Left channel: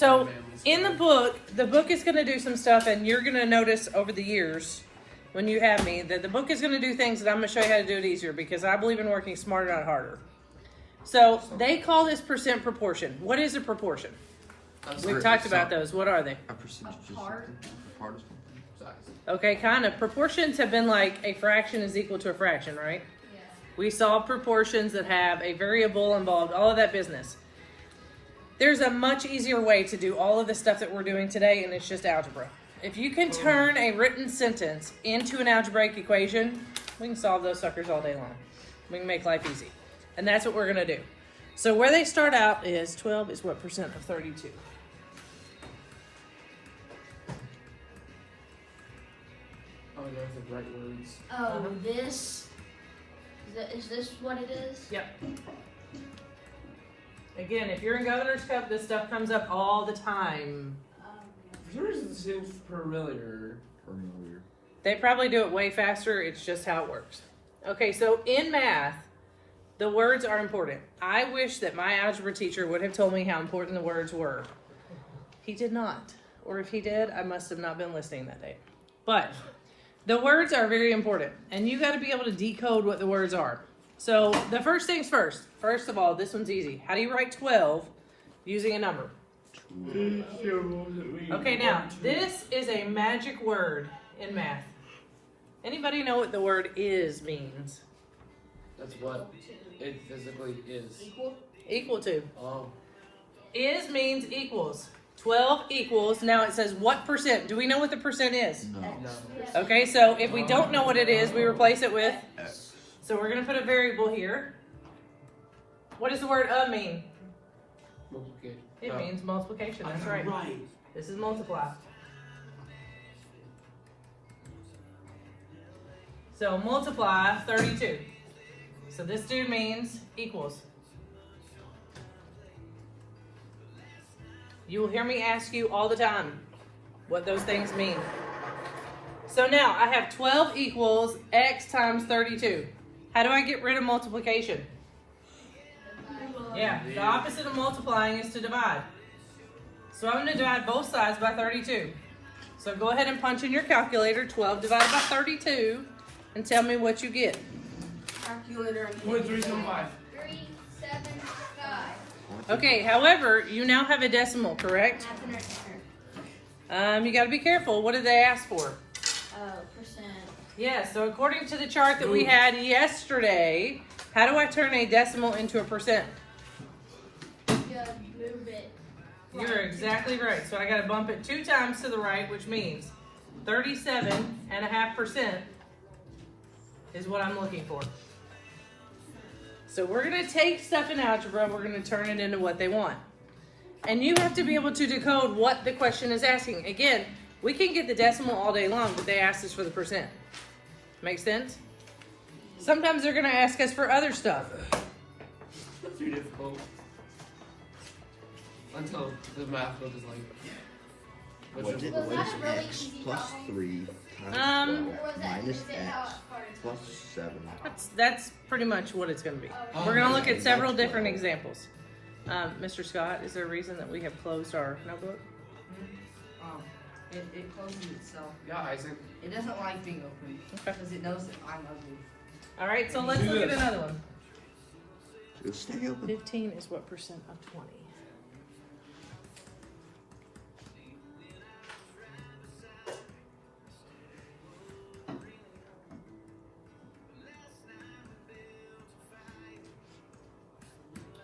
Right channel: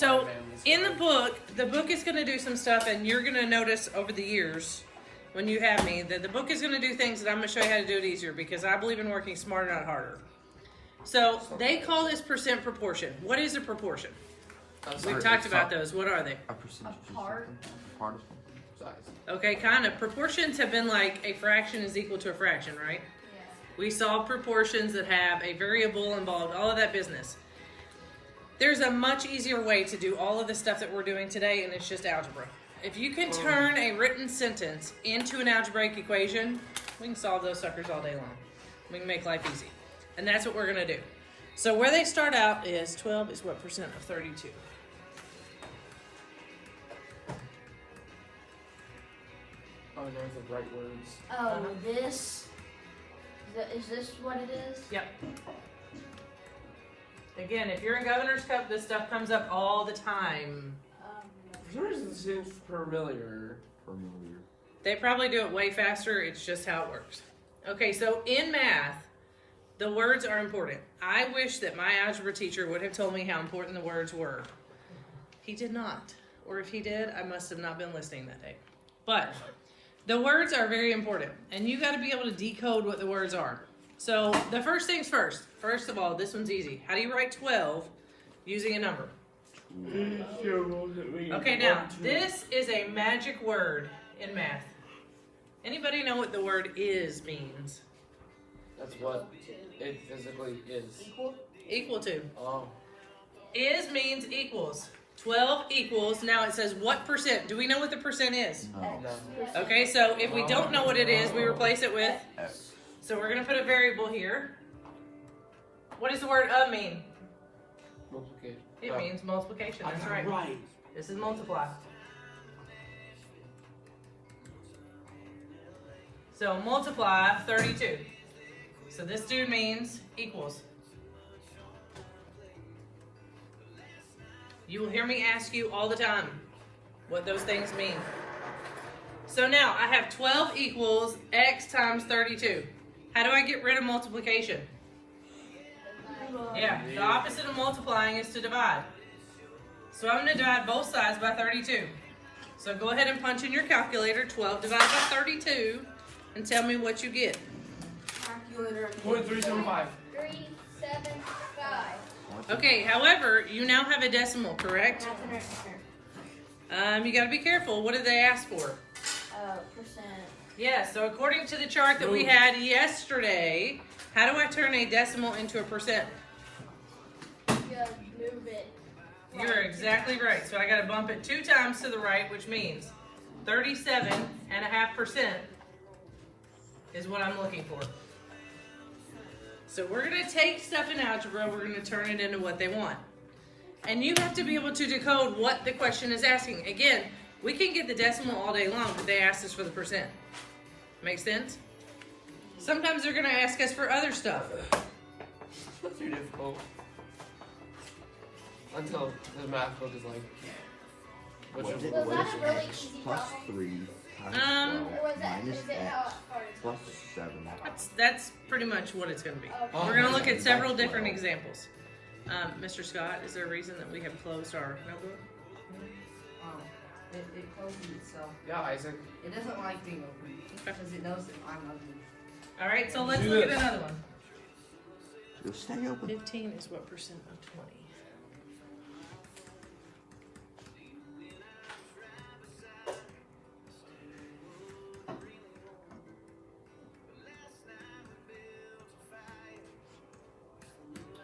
So in the book is going to do some stuff, and you're going to notice over the years when you have me that the book is going to do things that I'm going to show you how to do it easier because I believe in working smarter, not harder. So they call this percent proportion. What is a proportion? We've talked about those. What are they? A percentage of something. A part of something. Size. Okay, kind of. Proportions have been like a fraction is equal to a fraction, right? Yeah. We solve proportions that have a variable involved, all of that business. There's a much easier way to do all of the stuff that we're doing today, and it's just algebra. If you can turn a written sentence into an algebraic equation, we can solve those suckers all day long. We can make life easy. And that's what we're going to do. So where they start out is 12 is what percent of 32? Oh, there's the right words. Oh, this? Is this what it is? Yep. Again, if you're in Governor's Cup, this stuff comes up all the time. Yours seems familiar. They probably do it way faster. It's just how it works. Okay, so in math, the words are important. I wish that my algebra teacher would have told me how important the words were. He did not. Or if he did, I must have not been listening that day. But the words are very important. And you got to be able to decode what the words are. So the first things first. First of all, this one's easy. How do you write 12 using a number? Okay, now, this is a magic word in math. Anybody know what the word is means? That's what it physically is. Equal to. Oh. Is means equals. 12 equals. Now it says what percent? Do we know what the percent is? No. Okay, so if we don't know what it is, we replace it with. So we're going to put a variable here. What does the word of mean? Multiplication. It means multiplication. That's right. This is multiply. So multiply 32. So this dude means equals. You will hear me ask you all the time what those things mean. So now I have 12 equals x times 32. How do I get rid of multiplication? Yeah, the opposite of multiplying is to divide. So I'm going to divide both sides by 32. So go ahead and punch in your calculator 12 divided by 32 and tell me what you get. Calculator. 375. 375. Okay, however, you now have a decimal, correct? You got to be careful. What did they ask for? Percent. Yeah, so according to the chart that we had yesterday, how do I turn a decimal into a percent? Move it. You're exactly right. So I got to bump it 2 times to the right, which means 37.5% is what I'm looking for. So we're going to take stuff in algebra and we're going to turn it into what they want. And you have to be able to decode what the question is asking. Again, we can get the decimal all day long, but they asked us for the percent. Make sense? Sometimes they're going to ask us for other stuff. That's too difficult. Until the math book is like. What is x plus 3 times 12 minus x plus 7? That's pretty much what it's going to be. We're going to look at several different examples. Mr. Scott, is there a reason that we have closed our notebook? It closes itself. Yeah, Isaac. It doesn't like being open because it knows that I'm ugly. All right, so let's look at another one. So stay open. 15 is what percent of 20?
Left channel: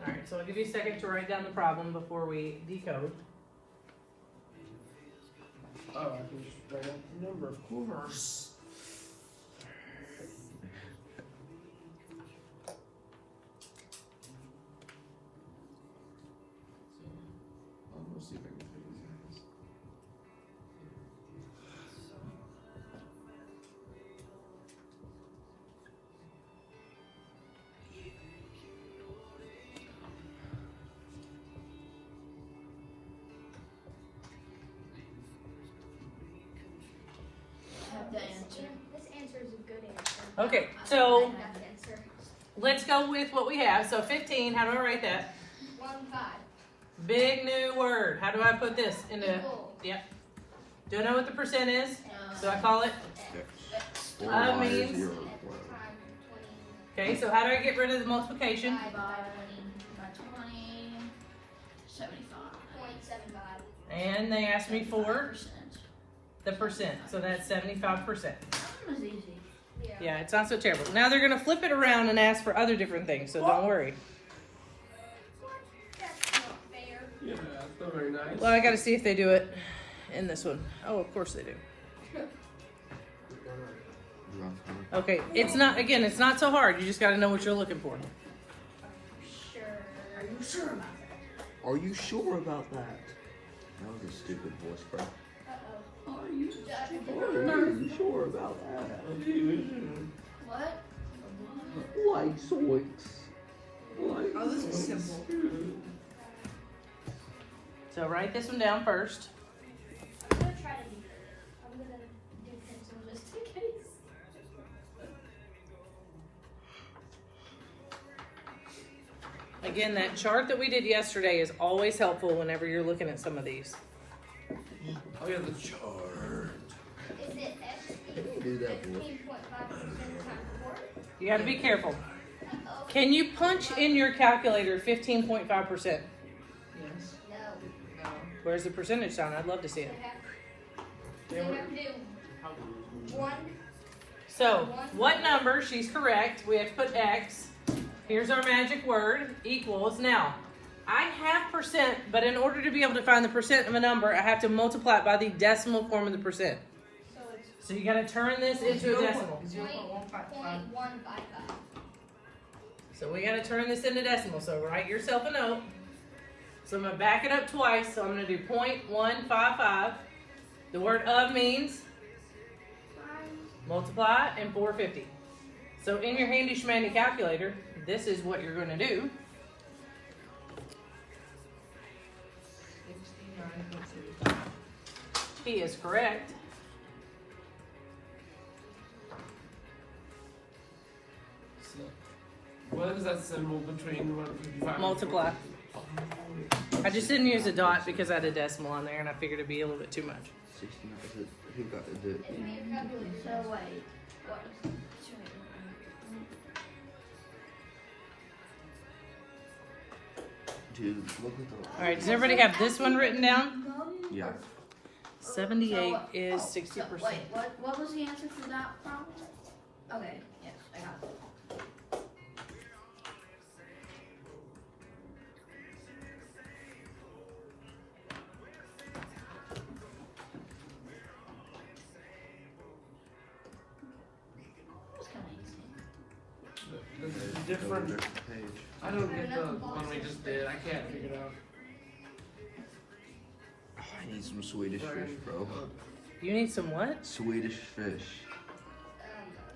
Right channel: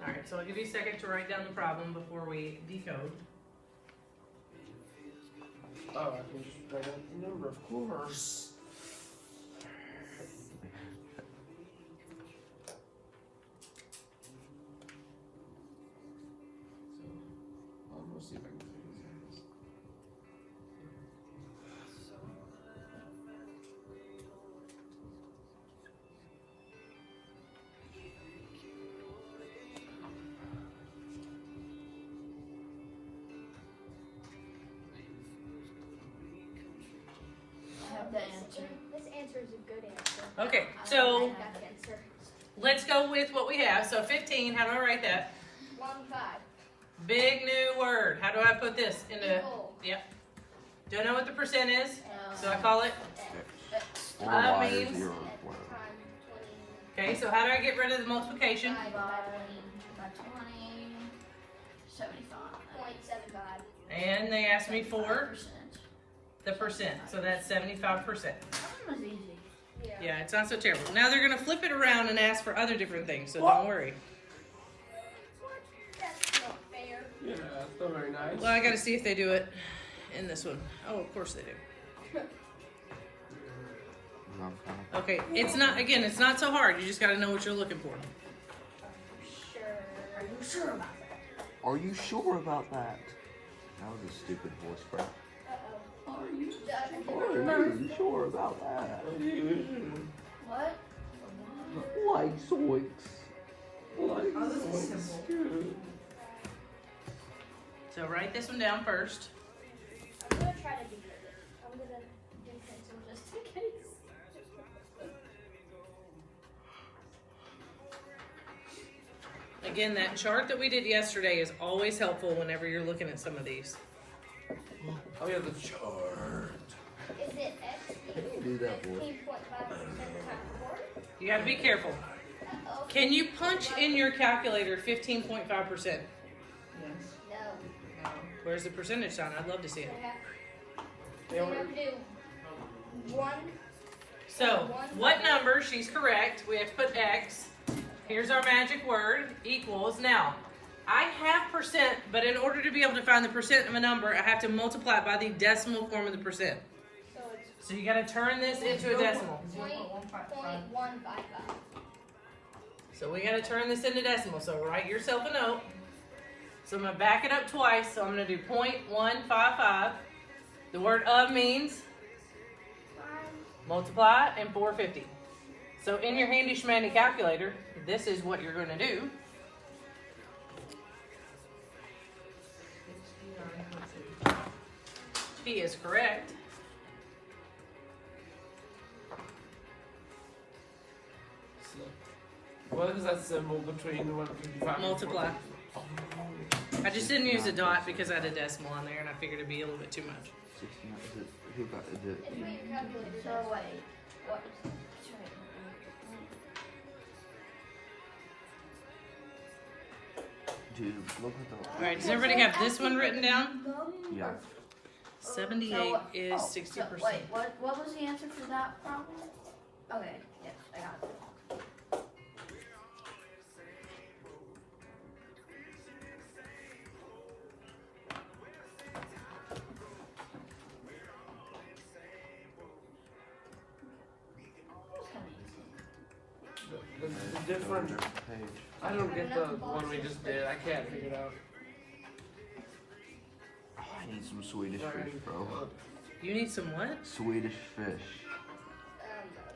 All right, so I'll give you a second to write down the problem before we decode. Oh, I can just write down the number, of course. We'll see if I can figure this out. The answer. This answer is a good answer. Okay, I so like that answer. let's go with what we have. So 15, how do I write that? 1 5. Big new word. How do I put this into? Yep. Don't know what the percent is, so I call it. Or I Y, mean- 0, whatever. Okay, so how do I get rid of the multiplication? By 20, 75. 0.75. And they asked me for Percent. the percent, so that's 75%. That one was easy. Yeah, it's not so terrible. Now they're gonna flip it around and ask for other different things, so don't worry. That's not fair. Yeah, that's not very nice. Well, I gotta see if they do it in this one. Oh, of course they do. No, kind of. Okay, it's not, again, it's not so hard. You just gotta know what you're looking for. Sure. Are you sure about that? Are you sure about that? That was a stupid voice crack. Uh-oh. Are you? Are you sure about that? What? Like zoinks. Oh, this is simple. So write this one down first. I'm gonna try to be better. I'm gonna do pencil just in case. Again, that chart that we did yesterday is always helpful whenever you're looking at some of these. Oh yeah, the chart. Is it X Can you do that, boy? 15.5% times 4? You gotta be careful. Uh-oh. Can you punch in your calculator 15.5%? Yes. No. No. Where's the percentage sign? I'd love to see it. They have to do 1. So, what number? She's correct. We have to put X. Here's our magic word, equals. Now, I have percent, but in order to be able to find the percent of a number, I have to multiply it by the decimal form of the percent. So it's So you gotta turn this into a decimal. 0.155. 0.155. So we gotta turn this into decimal. So write yourself a note. So I'm gonna back it up twice. So I'm gonna do 0.155. The word of means multiply and 450. So in your handy schmandy calculator, this is what you're gonna do. 69.75. She is correct. So, what is that symbol between 155? Multiply. I just didn't use a dot because I had a decimal on there and I figured it'd be a little bit too much. 69. Is it, who got is it? It's what your calculator So says. wait. What? That's right. Dude, look at the. Alright, does everybody have this one written down? Yeah. 78 is Oh, 60%. So, wait, what was the answer for that problem? Okay, yes, I got it. That was kind of easy. The different. Page. I don't get the one we just did. I can't figure it out. Oh, I need some Swedish fish, bro. You need some what? Swedish fish.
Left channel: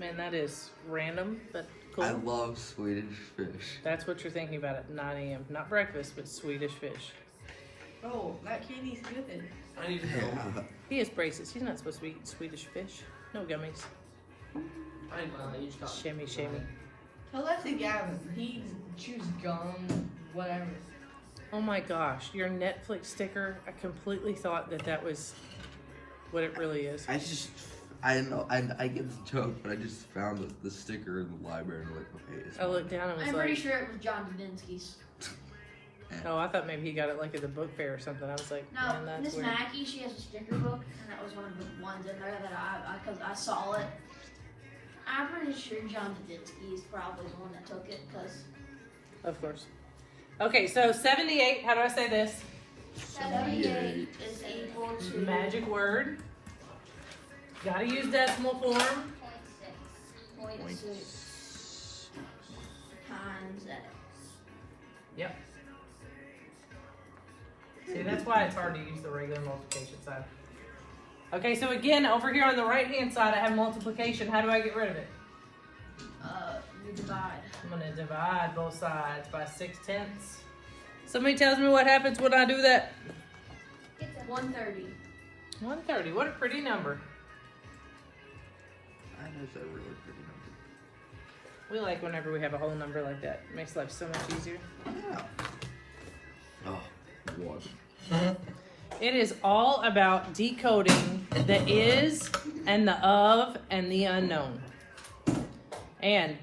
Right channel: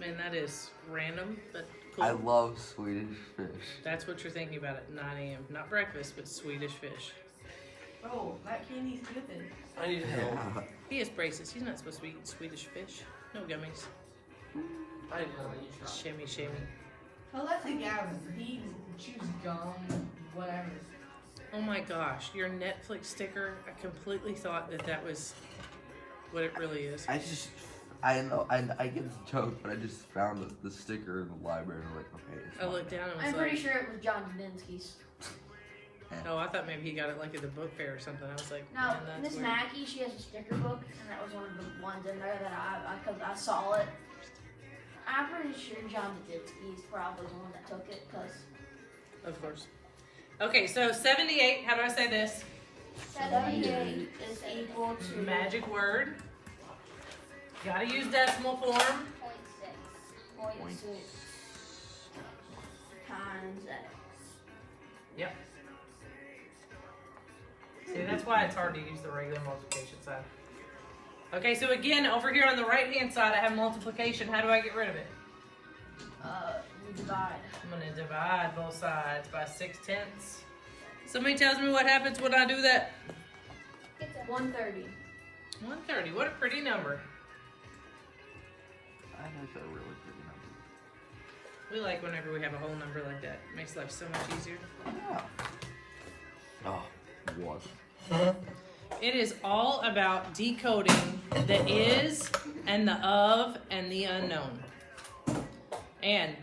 Man, that is random, but cool. I love Swedish fish. That's what you're thinking about at 9 a.m. Not breakfast, but Swedish fish. Oh, that candy's good. I need help. Yeah. He has braces. He's not supposed to eat Swedish fish. No gummies. I know. You stop. Shimmy, shimmy. Tell that to Gavin. He chews gum, whatever. Oh my gosh, your Netflix sticker, I completely thought that that was what it really is. I know, I get the joke, but I just found the sticker in the library and I'm like, okay, it's I looked down and was I'm pretty like, sure it was John Dubinsky's. oh, I thought maybe he got it like at the book fair or something. I was like, No, man, that's Miss weird. Mackey, she has a sticker book, and that was one of the ones in there that cause I saw it. I'm pretty sure John Dubinsky is probably the one that took it, cause Of course. Okay, so 78, how do I say this? 78 is equal to Magic word. Gotta use decimal form. 0.6. 0.6 times X. Yep. See, that's why it's hard to use the regular multiplication side. Okay, so again, over here on the right-hand side, I have multiplication. How do I get rid of it? You divide. I'm gonna divide both sides by 6/10. Somebody tells me what happens when I do that. 130. 130, what a pretty number. I know it's a really pretty number. We like whenever we have a whole number like that. Makes life so much easier. Yeah. Oh, It was. It is all about decoding the is and the of and the unknown. And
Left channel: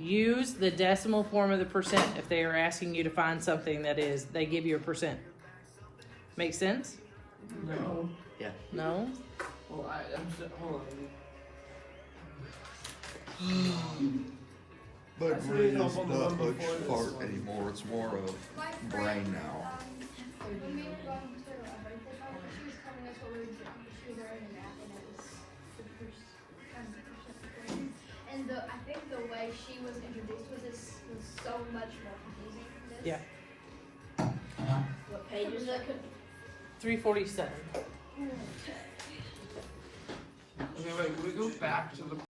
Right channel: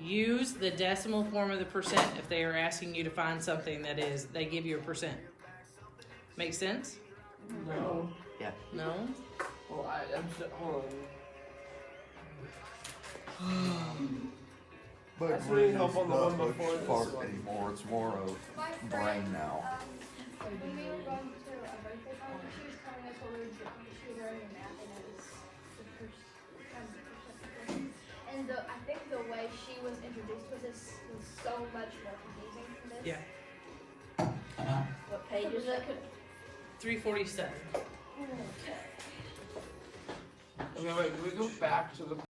use the decimal form of the percent if they are asking you to find something that is, they give you a percent. Make sense? No. No? Well, hold on. But That's it really really isn't helpful that the one much before this part one. anymore. It's more of brain now. When we were going to a birthday party, she was telling us what we were doing. She was learning math, and it was the first. And I think the way she was introduced with this was so much more confusing than this. Yeah. What page is it? 347. Okay, wait, we go back to the